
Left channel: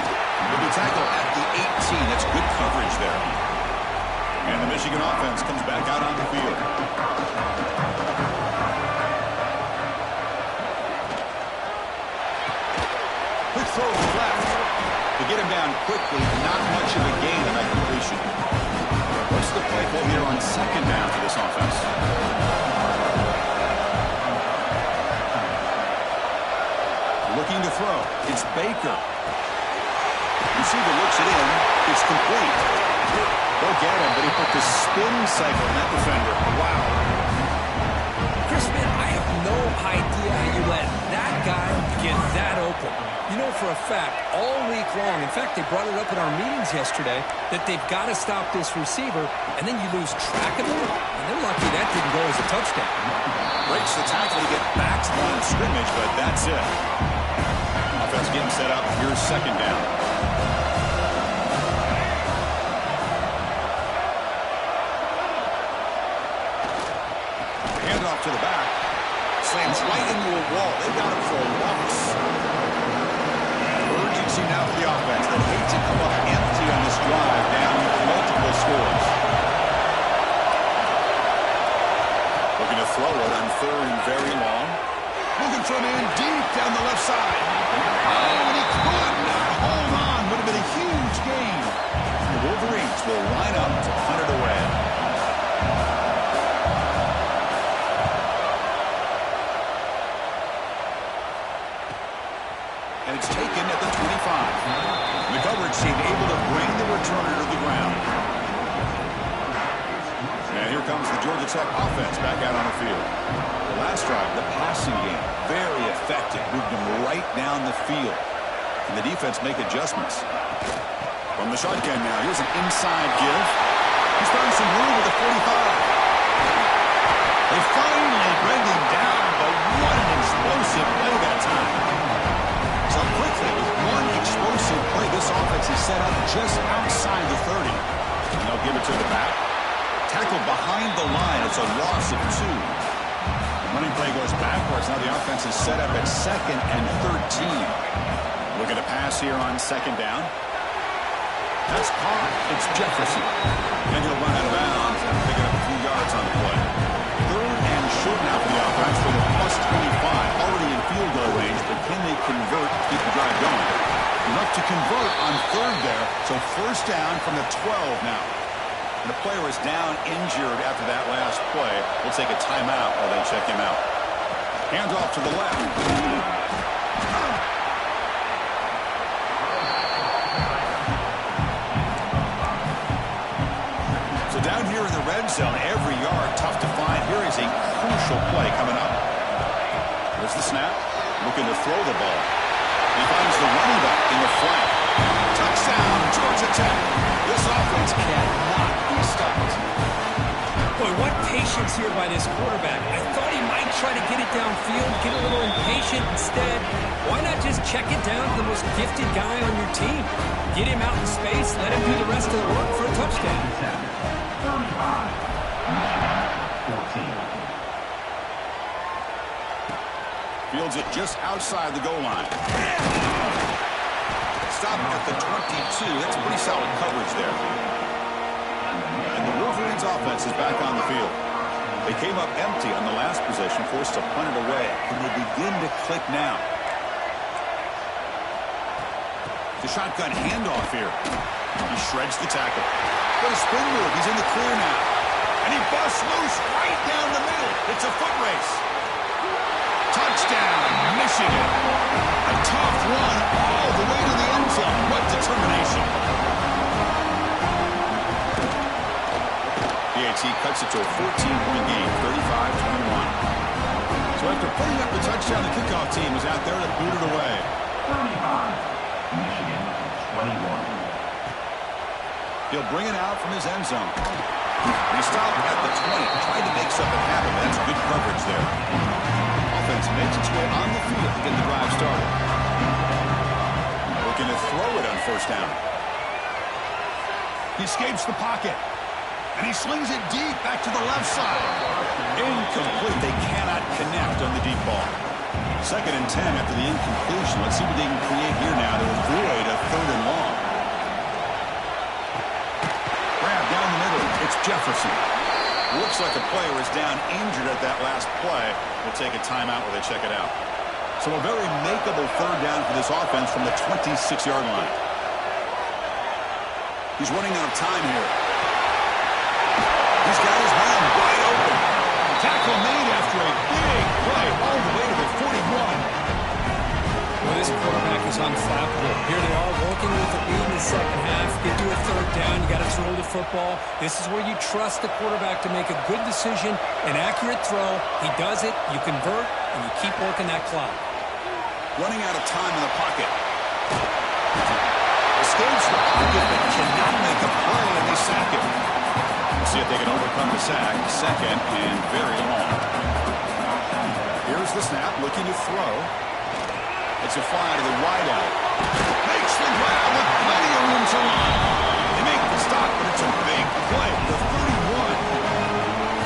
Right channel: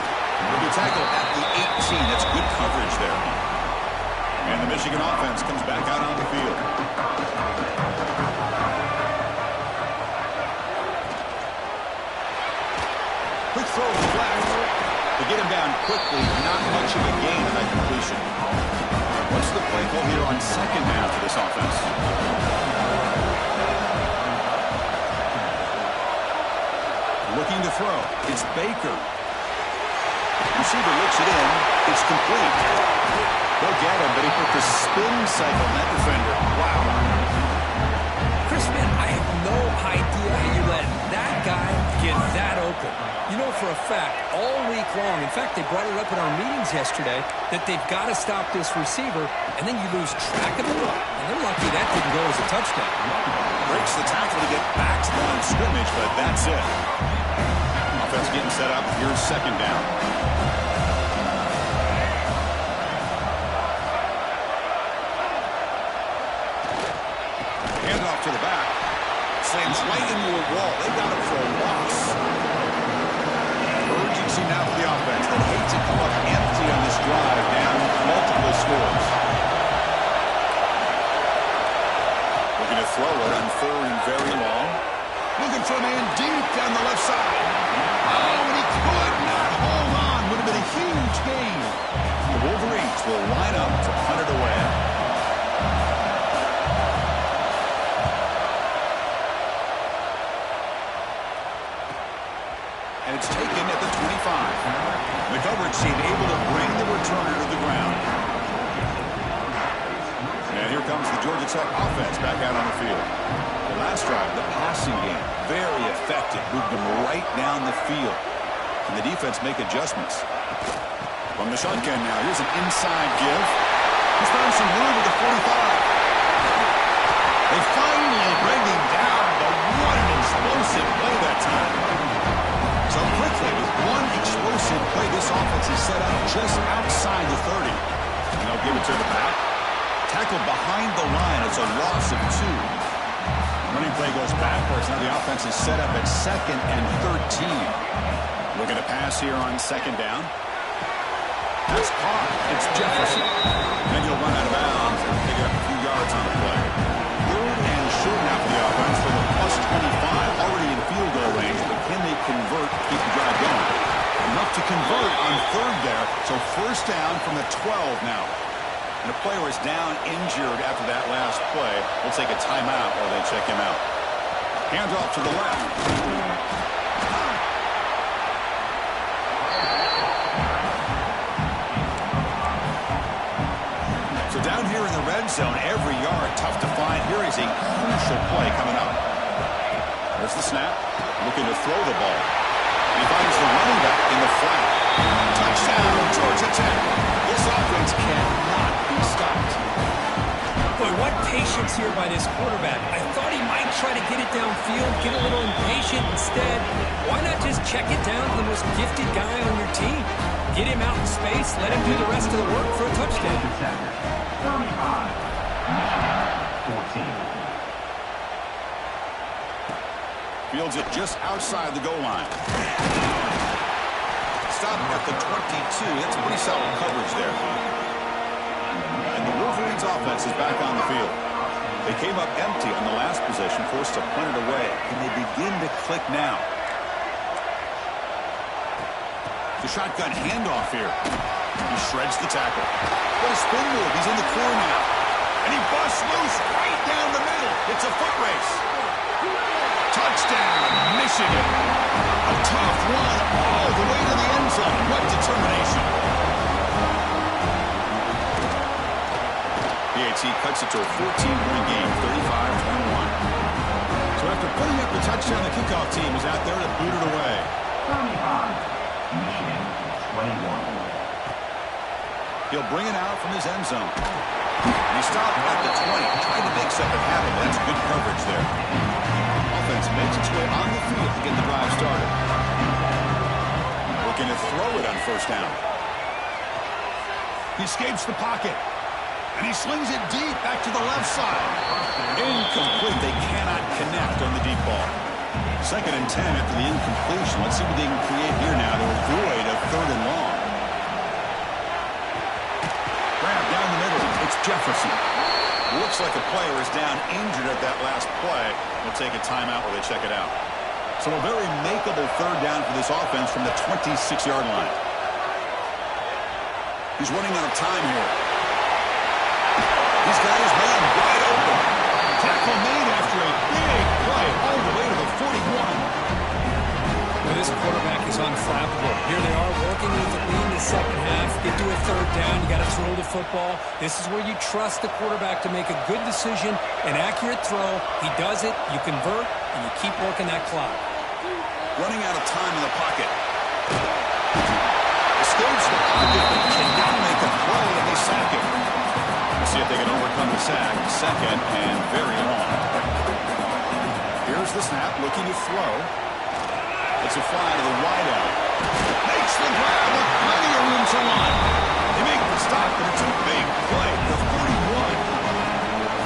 He'll be tackled at the 18. That's good coverage there. And the Michigan offense comes back out on the field. Quick throw to the left. To get him down quickly, not much of a gain on that completion. What's the play call here on 2nd down for this offense? Looking to throw. It's Baker. Receiver looks it in. It's complete. They'll get him, but he put the spin cycle on that defender. Wow. Chris, man, I have no idea how you let that guy get that open. You know for a fact, all week long, in fact, they brought it up in our meetings yesterday, that they've got to stop this receiver, and then you lose track of him, and they're lucky that didn't go as a touchdown. Breaks the tackle to get back to the line of scrimmage, but that's it. Offense getting set up. Here's 2nd down. Handoff to the back. Slams right into a wall. They got him for a loss. 3rd Switching now for the offense that hate to come up empty on this drive down multiple scores. Looking to throw it on 3rd and very long. Looking for a man deep down the left side. Oh, and he could not hold on. Would have been a huge gain. The Wolverines will line up to punt it away. And it's taken at the 25. The coverage team able to bring the returner to the ground. And here comes the Georgia Tech offense back out on the field. The last drive, the passing game, very effective. Moved them right down the field. Can the defense make adjustments? From the shotgun now, here's an inside give. He's found some room with the 45. They finally bring him down, but what an explosive play that time. So quickly, with one explosive play, this offense is set up just outside the 30. And they'll give it to the back. Tackled behind the line. It's a loss of 2. The running play goes backwards. Now the offense is set up at 2nd and 13. Looking to pass here on 2nd down. That's caught. It's Jefferson. And he'll run out of bounds and pick it up a few yards on the play. 3rd and short now for the offense for the +25. Already in field goal range, but can they convert to keep the drive going? Enough to convert on 3rd there. So 1st down from the 12 now. And a player is down injured after that last play. We'll take a timeout while they check him out. Handoff to the left. So down here in the red zone, every yard tough to find. Here is a crucial play coming up. There's the snap. Looking to throw the ball. He finds the running back in the flat. Touchdown, Georgia Tech. This offense cannot be stopped. Boy, what patience here by this quarterback. I thought he might try to get it downfield, get a little impatient. Instead, why not just check it down to the most gifted guy on your team? Get him out in space, let him do the rest of the work for a touchdown. 35, 14. Fields it just outside the goal line. Stop at the 22. That's pretty solid coverage there. And the Wolverines offense is back on the field. They came up empty on the last possession, forced to punt it away. Can they begin to click now? The shotgun handoff here. He shreds the tackle. What a spin move. He's in the clear now. And he busts loose right down the middle. It's a foot race. Touchdown, Michigan. A tough run all the way to the end zone. What determination. PAT cuts it to a 14-point game, 35-21. So after putting up the touchdown, the kickoff team is out there to boot it away. 35, Michigan, 21. He'll bring it out from his end zone. And he stopped at the 20, tried to make something happen. That's good coverage there. Offense makes its way on the field to get the drive started. Looking to throw it on 1st down. He escapes the pocket. And he slings it deep back to the left side. Incomplete. They cannot connect on the deep ball. 2nd and 10 after the incompletion. Let's see what they can create here now to avoid a 3rd and long. Grab down the middle. It's Jefferson. Looks like a player is down injured at that last play. We'll take a timeout while they check it out. So a very makeable 3rd down for this offense from the 26-yard line. He's running out of time here. He's got his man wide open. Tackle made after a big play all the way to the 41. Well, this quarterback is unflappable. Here they are working with the lead in the second half. Get to a 3rd down. You got to throw the football. This is where you trust the quarterback to make a good decision, an accurate throw. He does it. You convert, and you keep working that clock. Running out of time in the pocket. Escapes the pocket, but cannot make a play, and they sack him. We'll see if they can overcome the sack. 2nd and very long. Here's the snap, looking to throw. It's a fly to the wideout. Makes the grab with plenty of room to run. They make the stop, but it's a big play. The 31.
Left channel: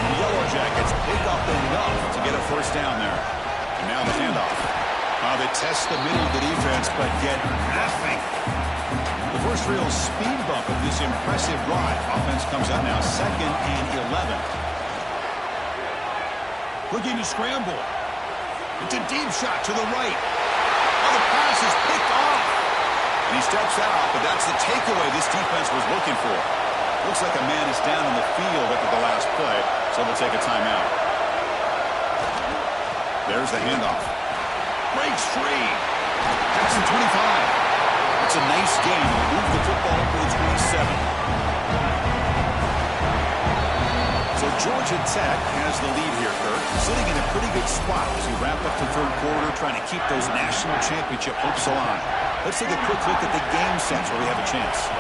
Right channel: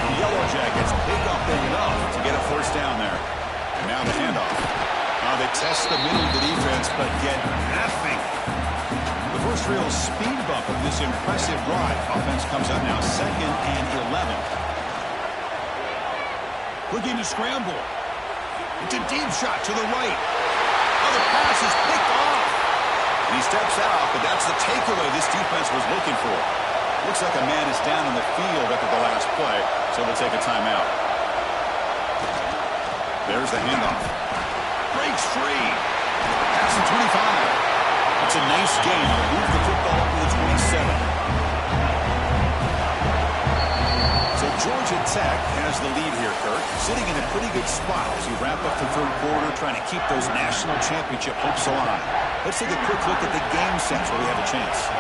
The Yellow Jackets pick up enough to get a 1st down there. And now the handoff. They test the middle of the defense, but get nothing. The first real speed bump of this impressive drive. Offense comes up now 2nd and 11. Looking to scramble. It's a deep shot to the right. Oh, the pass is picked off. And he steps out, but that's the takeaway this defense was looking for. Looks like a man is down on the field after the last play, so they'll take a timeout. There's the handoff. Breaks free. Pass to 25. It's a nice game. They'll move the football up to the 27. So Georgia Tech has the lead here, Kirk, sitting in a pretty good spot as you wrap up the third quarter, trying to keep those national championship hopes alive. Let's take a quick look at the game sense where we have a chance.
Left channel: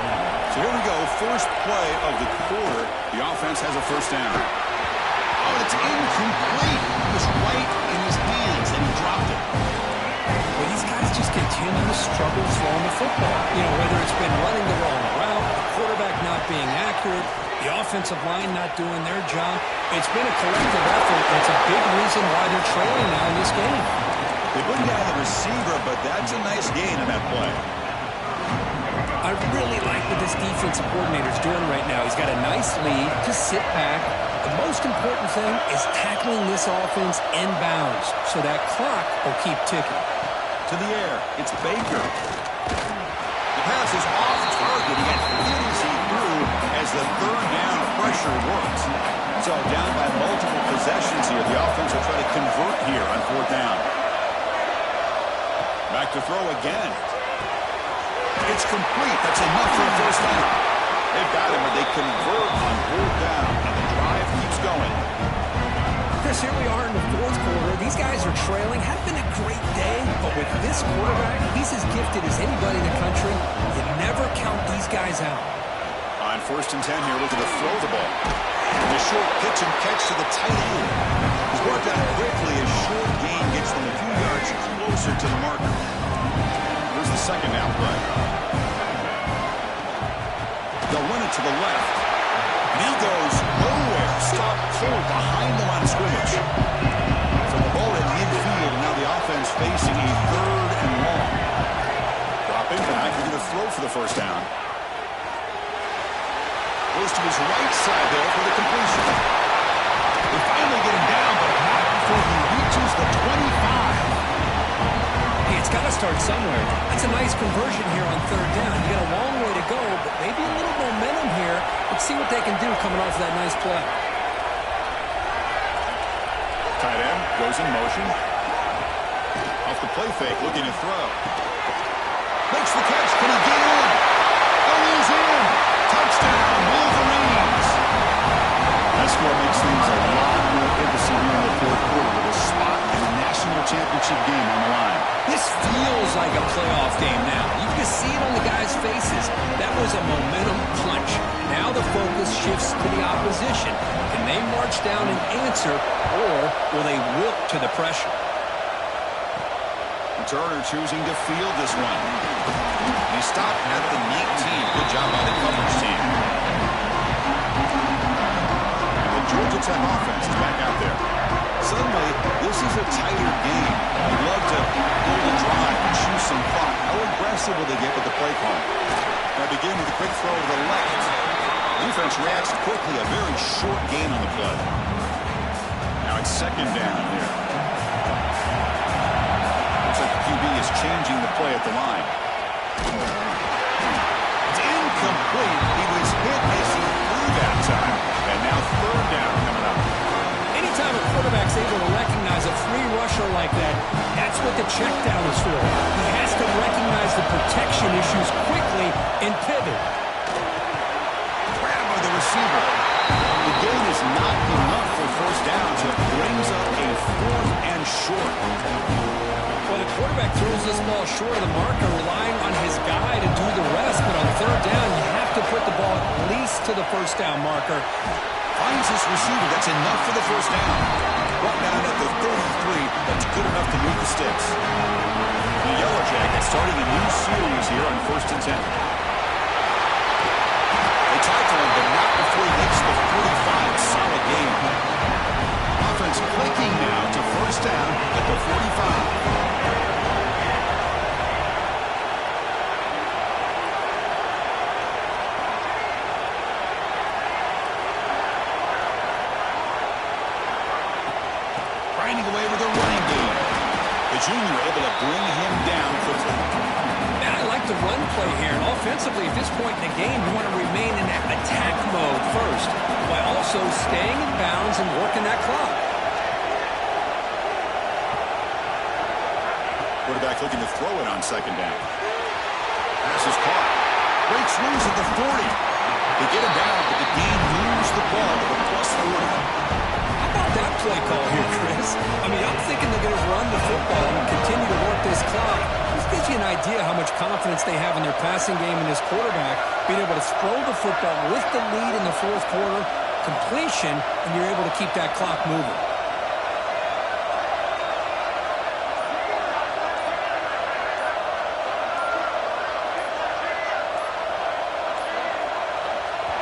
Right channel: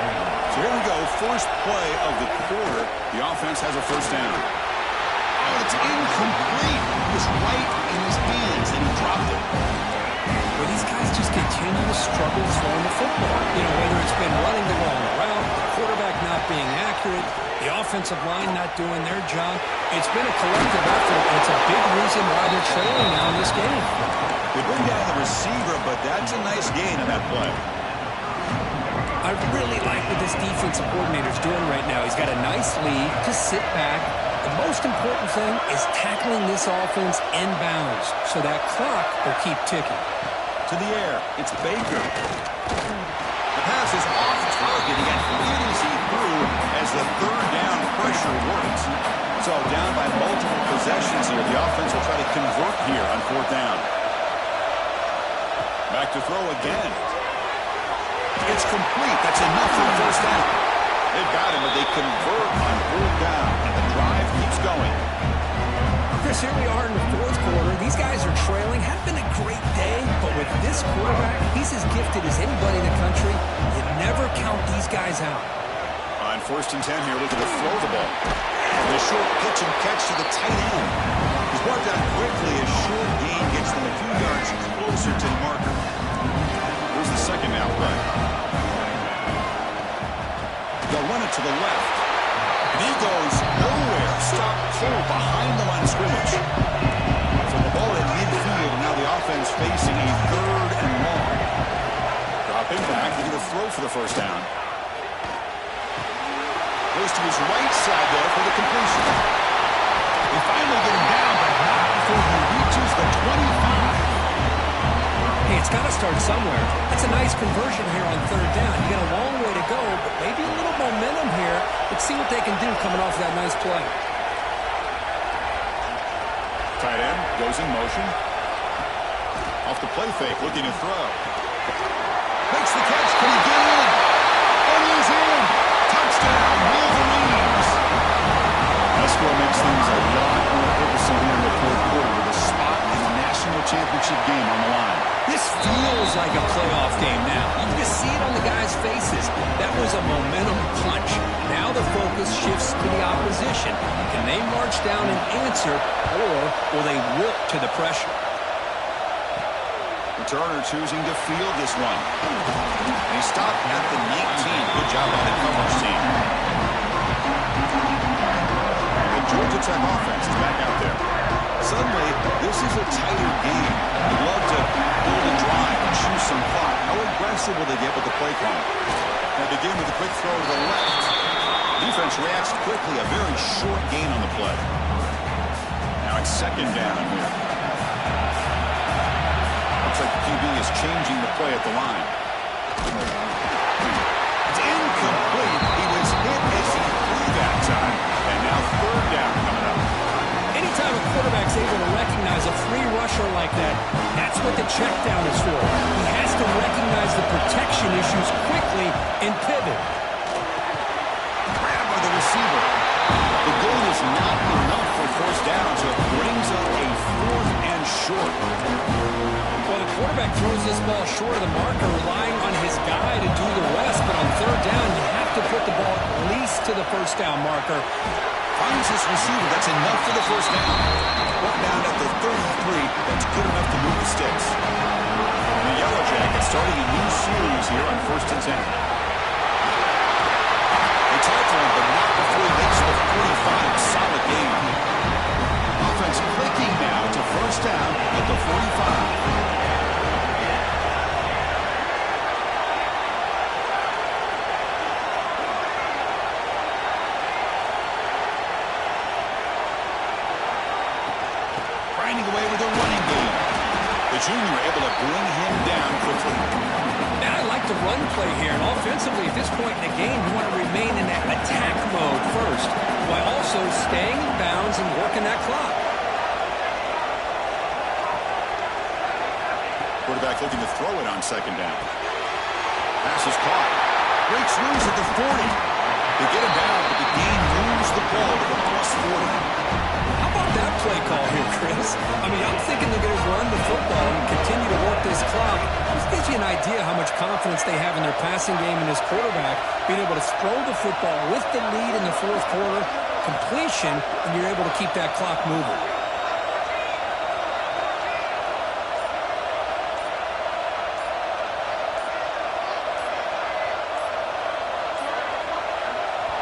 So here we go, first play of the quarter. The offense has a first down. Oh, it's incomplete. It was right in his hands, and he dropped it. Well, these guys just continue to struggle throwing the football. You know, whether it's been running the wrong route, the quarterback not being accurate, the offensive line not doing their job. It's been a collective effort. It's a big reason why they're trailing now in this game. They bring down the receiver, but that's a nice gain on that play. I really like what this defensive coordinator's doing right now. He's got a nice lead to sit back. The most important thing is tackling this offense inbounds so that clock will keep ticking. To the air, it's Baker. The pass is off target. He got hit as he threw as the third down pressure works. So down by multiple possessions here. The offense will try to convert here on 4th down. Back to throw again. It's complete. That's enough for a first down. They've got him, but they convert on 4th down, and the drive keeps going. Chris, here we are in the 4th quarter. These guys are trailing. Had been a great day, but with this quarterback, he's as gifted as anybody in the country. You never count these guys out. On 1st and 10 here, looking to throw the ball. And the short pitch and catch to the tight end. He's brought down quickly. A short gain gets them a few yards closer to the marker. Here's the second down play. They'll run it to the left. And he goes nowhere. Stop cold behind the line of scrimmage. So the ball at midfield, and now the offense facing a 3rd and long. Dropping back, looking to throw for the first down. Goes to his right side there for the completion. They finally get him down, but not before he reaches the 25. Hey, it's got to start somewhere. That's a nice conversion here on 3rd down. You got a long way to go, but maybe a little momentum here. Let's see what they can do coming off that nice play. Tight end goes in motion. Off the play fake, looking to throw. Makes the catch. Can he get in? And he's in. Touchdown, Wolverines. That score makes things a lot more interesting here in the 4th quarter with a spot in the national championship game on the line. This feels like a playoff game now. You can see it on the guys' faces. That was a momentum punch. Now the focus shifts to the opposition. Can they march down and answer, or will they wilt to the pressure? Turner choosing to field this one. And he stopped at the 19. Good job by the coverage team. And the Georgia Tech offense is back out there. Suddenly, this is a tighter game. I'd love to build a drive and choose some clock. How aggressive will they get with the play call? They begin with a quick throw to the left. Defense reacts quickly. A very short gain on the play. Now it's 2nd down here. Looks like the QB is changing the play at the line. It's incomplete. He was hit as he threw that time. And now 3rd down coming up. Anytime a quarterback's able to recognize a free rusher like that, that's what the check down is for. He has to recognize the protection issues quickly and pivot. Grab by the receiver. The gain is not enough for first down, so it brings up a 4th and short. Well, the quarterback throws this ball short of the marker, relying on his guy to do the rest. But on 3rd down, you have to put the ball at least to the first down marker. Finds his receiver. That's enough for the first down. Brought down at the 33. That's good enough to move the sticks. The Yellow Jackets starting a new series here on 1st and 10. They tackle him, but not before he makes the 45. Solid game. Offense clicking now to first down at the 45. grinding away with a running game. The junior able to bring him down quickly. Man, I like the run play here. And offensively, at this point in the game, you want to remain in that attack mode first, while also staying in bounds and working that clock. Quarterback looking to throw it on second down. Pass is caught. Breaks loose at the 40. They get him down, but the gain moves the ball to the +40. How about that play call here, Chris? I mean, I'm thinking they're going to run the football and continue to work this clock. This gives you an idea how much confidence they have in their passing game and this quarterback being able to throw the football with the lead in the fourth quarter, completion, and you're able to keep that clock moving.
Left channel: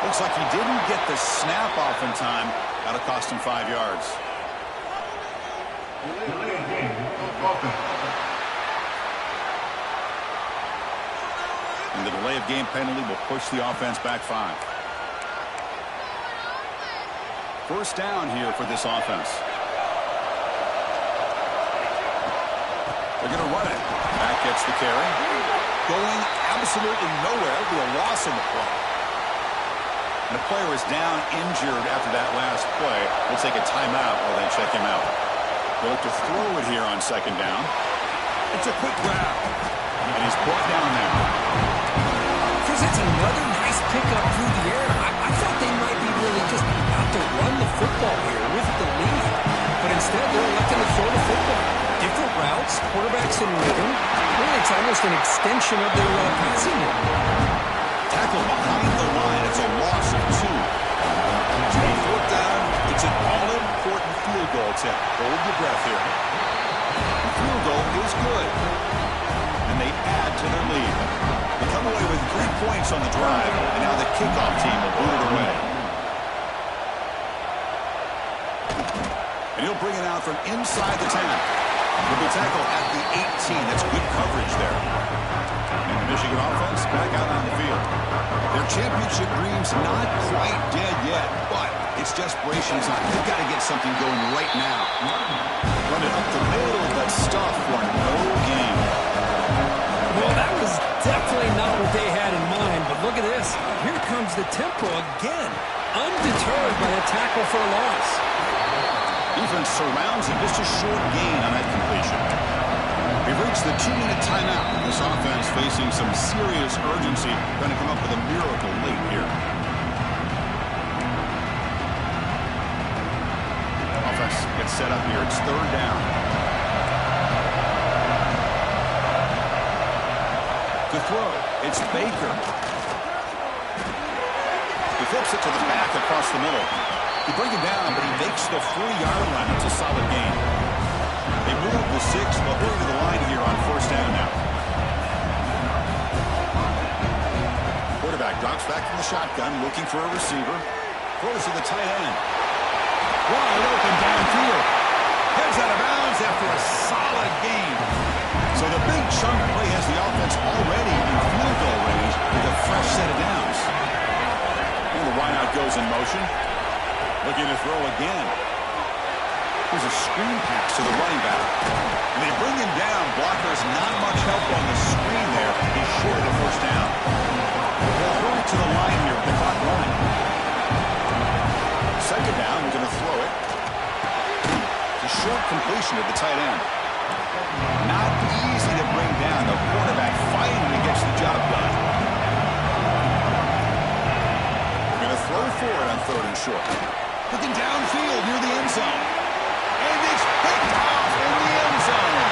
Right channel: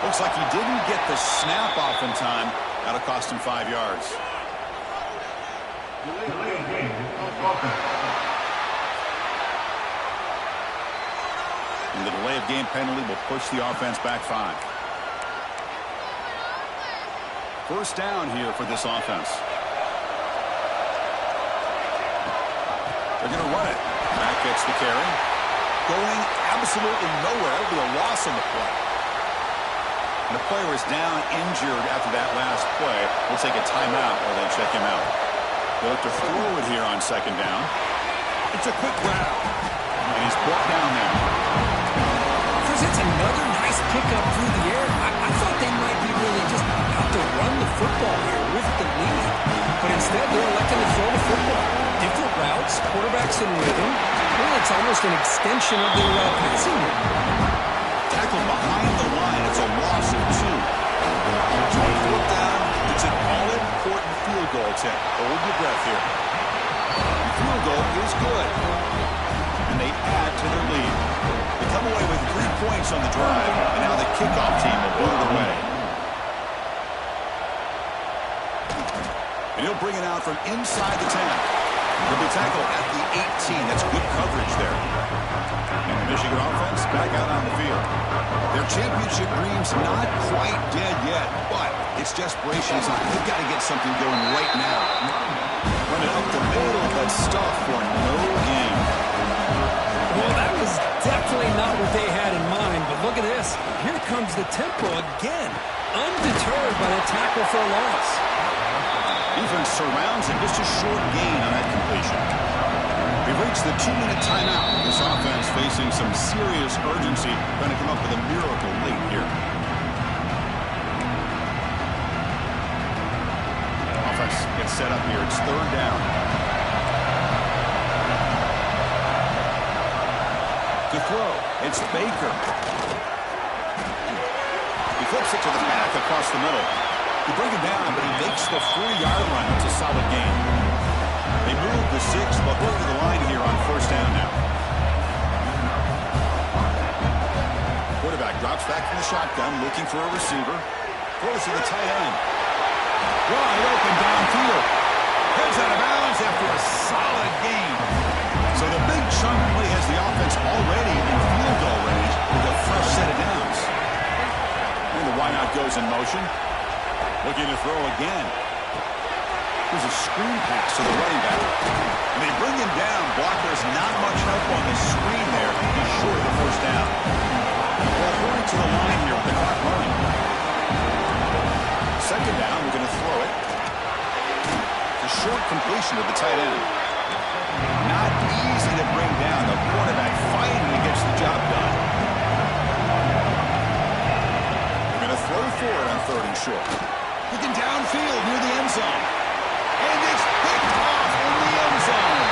Looks like he didn't get the snap off in time. That'll cost him 5 yards. And the delay of game penalty will push the offense back 5. First down here for this offense. They're going to run it. Back gets the carry. Going absolutely nowhere. It'll be a loss on the play. And the player is down injured after that last play. We'll take a timeout while they check him out. They look to throw it here on second down. It's a quick grab. And he's brought down there. Chris, it's another nice pickup through the air. I thought they might be really just out to run the football here with the lead. But instead, they're electing to throw the football. Different routes, quarterbacks in rhythm. Really, it's almost an extension of their passing game. Tackle behind the line. It's a loss of 2. So on fourth down, it's an all-important field goal attempt. Hold your breath here. The field goal is good. And they add to their lead. They come away with 3 points on the drive, and now the kickoff team will boot it away. And he'll bring it out from inside the 10. He'll be tackled at the 18. That's good coverage there. And the Michigan offense back out on the field. Their championship dream's not quite dead yet, but it's desperation time. They've got to get something going right now. Run it up the middle, but stuff for no gain. Well, that was definitely not what they had in mind, but look at this. Here comes the tempo again. Undeterred by the tackle for a loss. Defense surrounds him. Just a short gain on that completion. We've reached the 2-minute timeout. This offense facing some serious urgency, trying to come up with a miracle late here. Offense gets set up here. It's third down. To throw, it's Baker. He flips it to the back across the middle. He brings him down, but he makes the 40-yard line. That's a solid gain. They move the 6. They'll go to the line here on first down now. Quarterback drops back from the shotgun, looking for a receiver. Throws to the tight end. Wide open downfield. Heads out of bounds after a solid gain. So the big chunk play has the offense already in field goal range with a fresh set of downs. And the wideout goes in motion. Looking to throw again. Here's a screen pass to the running back. And they bring him down. Blockers not much help on the screen there. He's short of the first down. Well, hurry to the line here with the clock running. Second down, we're going to throw it. It's a short completion to the tight end. Not easy to bring down. The quarterback finally gets the job done. They're going to throw for it on third and short. Looking downfield near the end zone. And it's picked off in the end zone.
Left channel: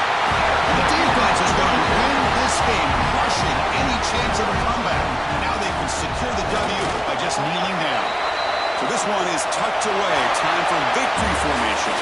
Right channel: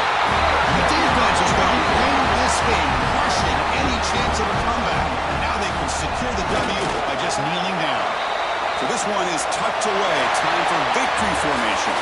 The defense is going to win this game, crushing any chance of a comeback. Now they can secure the W by just kneeling down. So this one is tucked away. Time for victory formation.